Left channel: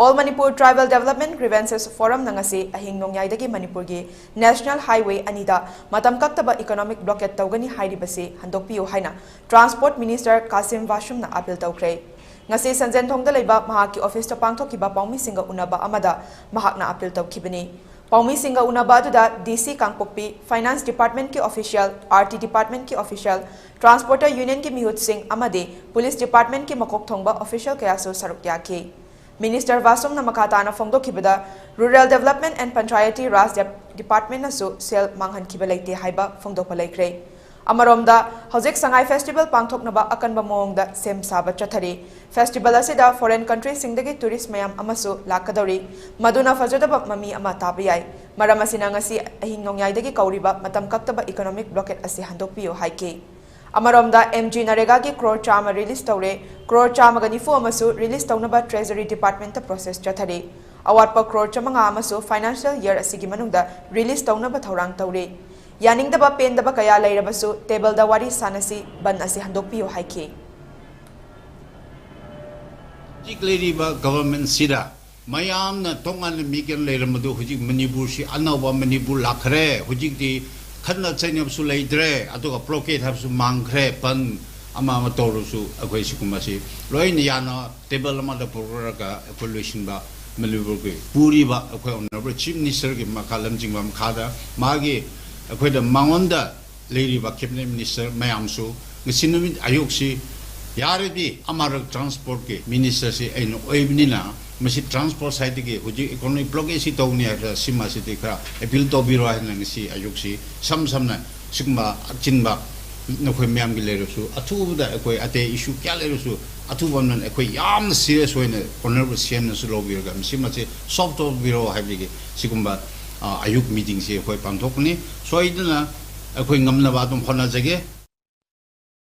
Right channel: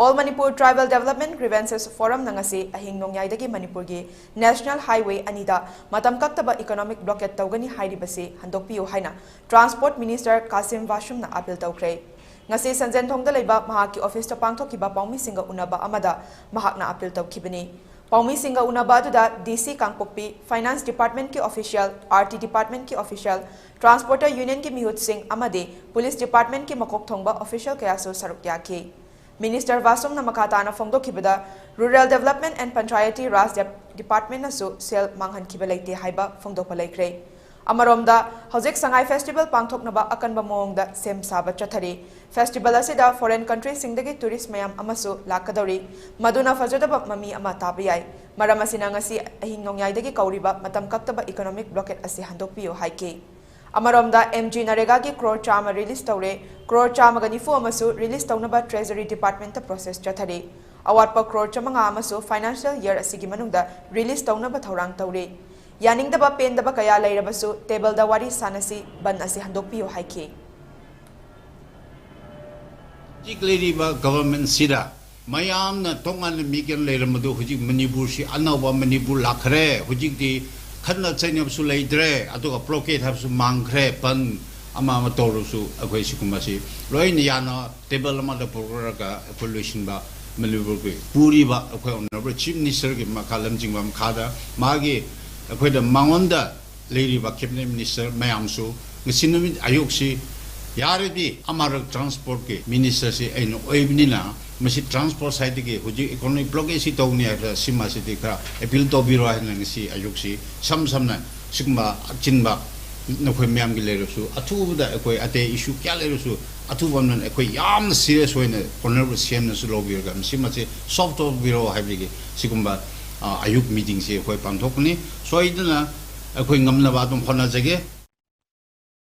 All Manipur Tribal Development Grievances Forum ngasi ahing nongyaidagi Manipur gi National Highway anida matam kaktaba Economic Blockade tawgani hairibasi handokpi haina Transport Minister Khashim Vashum na appeal toukhre. Ngasi sanjen thongda leiba mahaki office to pangthokiba paumi singa unaba amada mahakna appeal tawkhibani. Paumi singa unaba aduda DC Kangpokpi Finance Department ki official, RT Department ki official, Transporter Union ki mihut singh amade Police Department ki makok thongba official kayaso saruk yaki. Minister Vashum na makatana phongdokibada Rural Development and Panchayati Raj Department nasu sel manghan kibalaite haiba phongdokpa laikre. Amaromda hojik sangai festival pangthoknaba akanba mongda sem saba chathari. Festival asida foreign countries singdagi tourist mayam amasu lakadori maduna fajadaba mami ama tabiyai. Maram asina ngasi ahing nongyaidagi kouriba matam kaktaba Economic Blockade asi handokpiyo haike. Amaromda MG Naregagi crore chama release taure crore chama ganifu amasu release taunaba Treasury Department ta process chathari. Awatpa crore chamanga amasu financial year asigi manungda release taunaba thaurang taure. Yaningdaba pendaba kaya lairabasu table da wari sanasi ban asi handokpiyo haike. Particularly government sida mayam na tongan miken leiramadu hujik Manipur si anawa Manipur lakhre hujik di khadna chainyam su leidre aduga blockade habsu mangkhre pan ama matoru su akhoi sikumasi loin yana table ama da program evaluation ba Manipur ke puri ba akhoi honorable chief minister ke makalam jingba khada magi akhoi da mangonda leiri ba cabinet minister mayam su ngisinumi ayok si yaredi amar transport ke minister si aino oibnina masi transport side ke huji economic blockade si tawni ha sima si tikra appeal to biro ha nang si ayuk si samna sigma chinba nokhoi myam gi lerosu athu da ekoi ate issue kya lerosu athu ban ekoi yam serious hoine honorable cm na su lo biro ga sima se soft to biro ha bi ge sigumba ayuk meeting si ekoi pangthokni so idna ekoi ngamna ba dum khona jage